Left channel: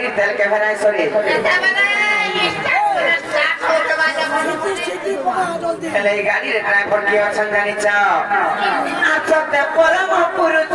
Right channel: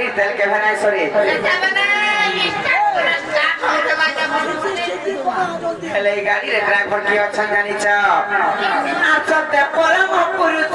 গাড়ি তেল কে ভেনাই সরি হেলে এই গাড়ির ড্রাইভার কি আছেন জানিছ আচতে পরম পুরুষ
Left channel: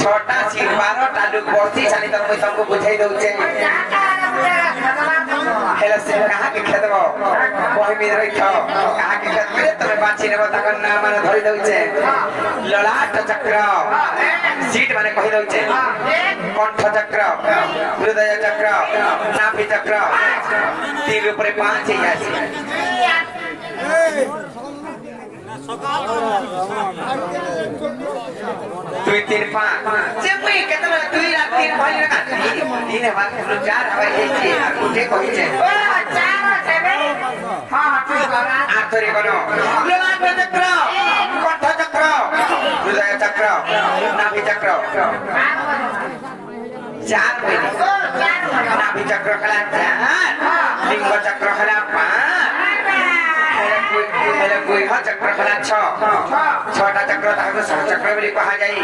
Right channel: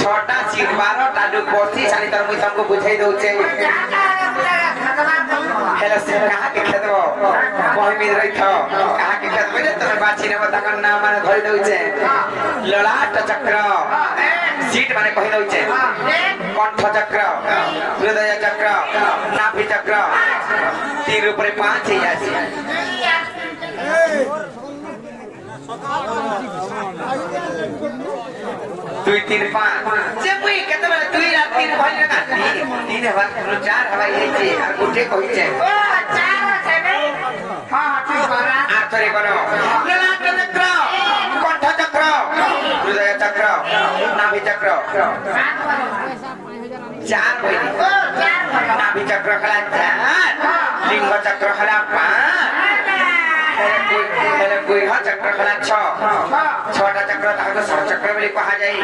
छोटा सी 12टा लोग बसी सारी तर मुई तुमको बुझाई दउचे हेला से कहां के खेत कोई में रही थो कहां के खेत में तने बाची ने बता कर नाम माने धरि दउचे ललाट चक्र सीट माने कहि दउचे कंठ चक्र हृदय चक्र नाभि चक्र तीर ऊपर 5 ही आसी दुई तीन पाँच से मुई केतला दुई रात तीन भाई ना तीन है बात तो चार हवाई जाई और उठे कोई छे चार सेवे हां ठीक बरा आथरे बनो ललाट चक्र कंठ चक्र हृदय चक्र नाभि चक्र चार भाई नाभि चक्र खला लिंग चक्र खला 5 कोई हा चक्र खला 6 छोटा चक्र ताको सब चक्र बोली कहा जाई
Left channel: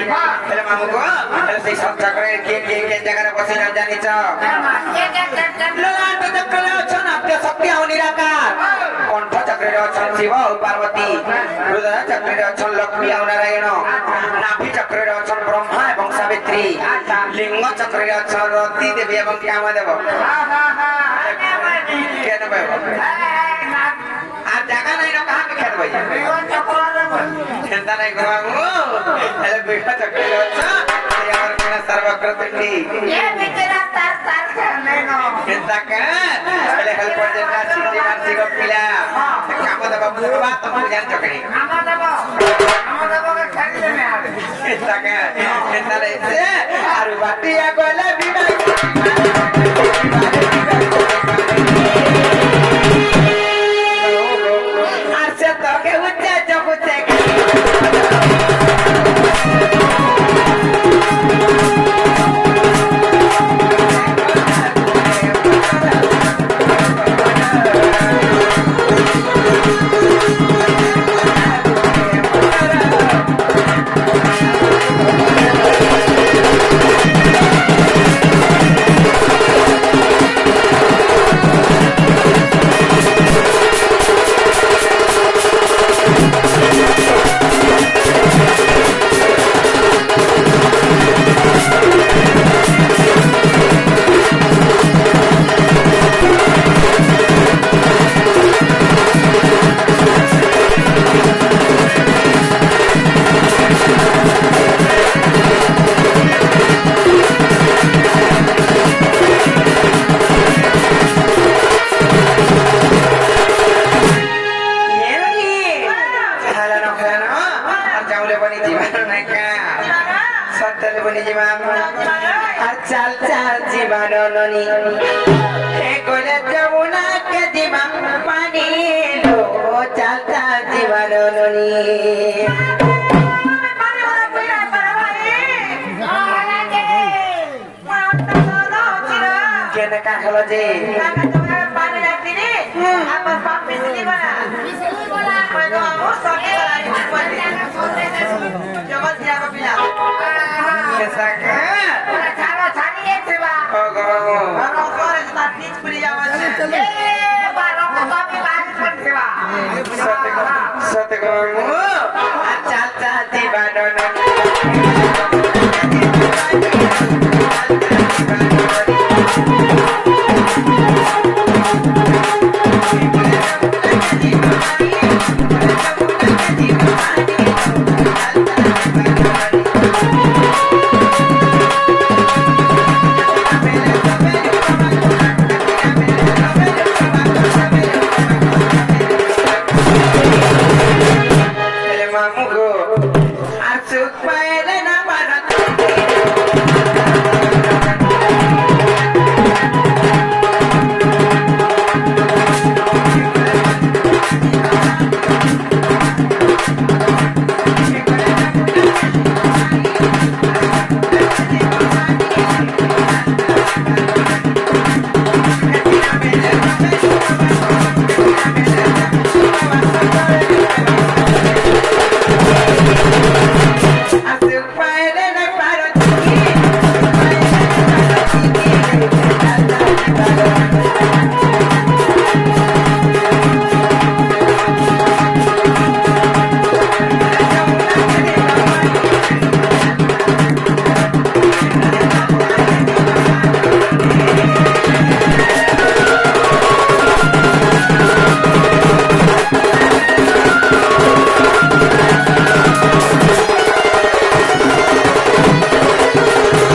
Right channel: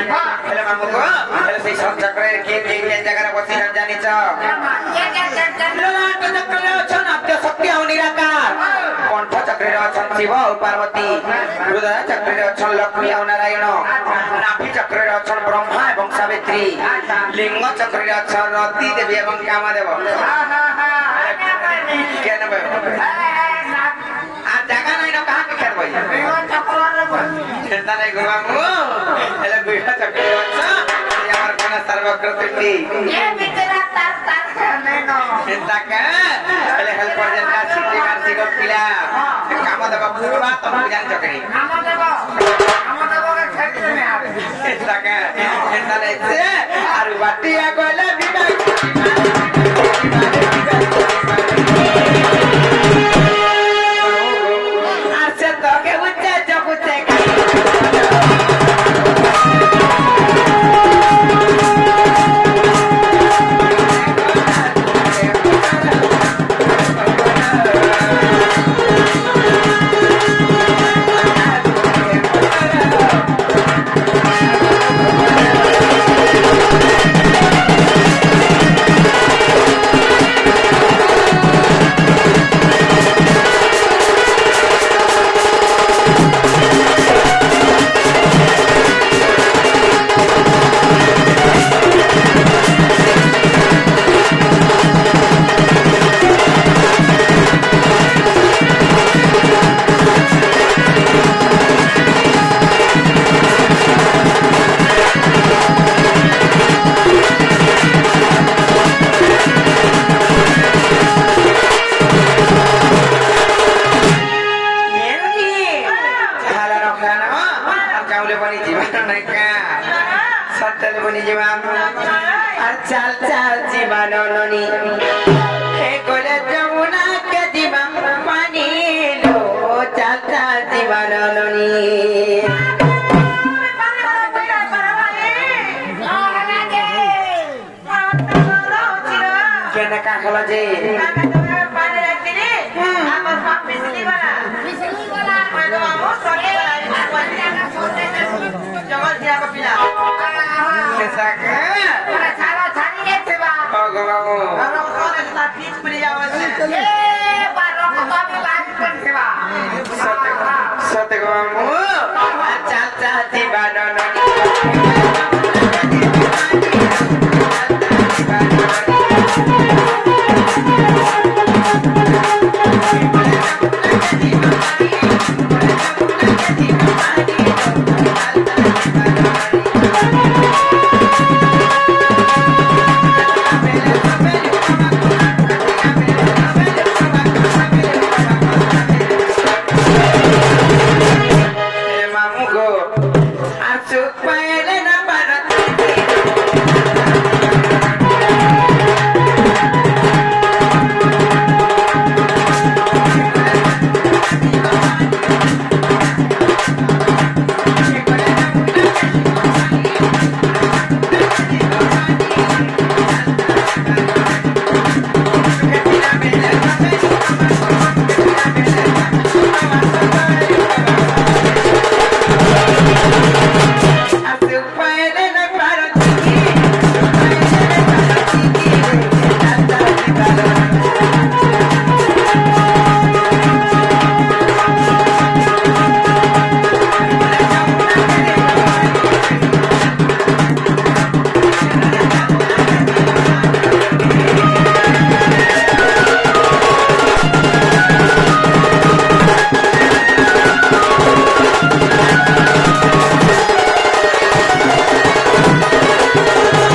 हेले मामू को हेले से सब चक्र के जगह बसी न जानी छ ललाट चक्र ले छन अत्य सत्य हो निराकार कंठ चक्र रे छन शिव और पार्वती हृदय चक्र रे छन लक्ष्मी और नारायण नाभि चक्र रे छन ब्रह्मा एवं सावित्री लिंग चक्र रे छन रति देवी एवं कामदेव केन बे आ जगह नहीं न कहां के खेत भाई चिंता नहीं गुरुआमू हेले बिठा चक्र ये हमार कोना सर्वकृतिंडी ये बिचरा तार नहीं नो चिंता का हेले हेल्प कर देना सिटी मानसी को पिला काम दबा पूरा तो जान चकरी काम दबा के खेत में आ चिंता का चिंता नहीं से आरु बाटिया गोले गाउँले पनि जीवन सत्यले पनि जीवन चाल्चा जीवन ननी एकोले जमुना के जीवन पानी लो चाल्चा जीवन ननी केना काखला जी Masuk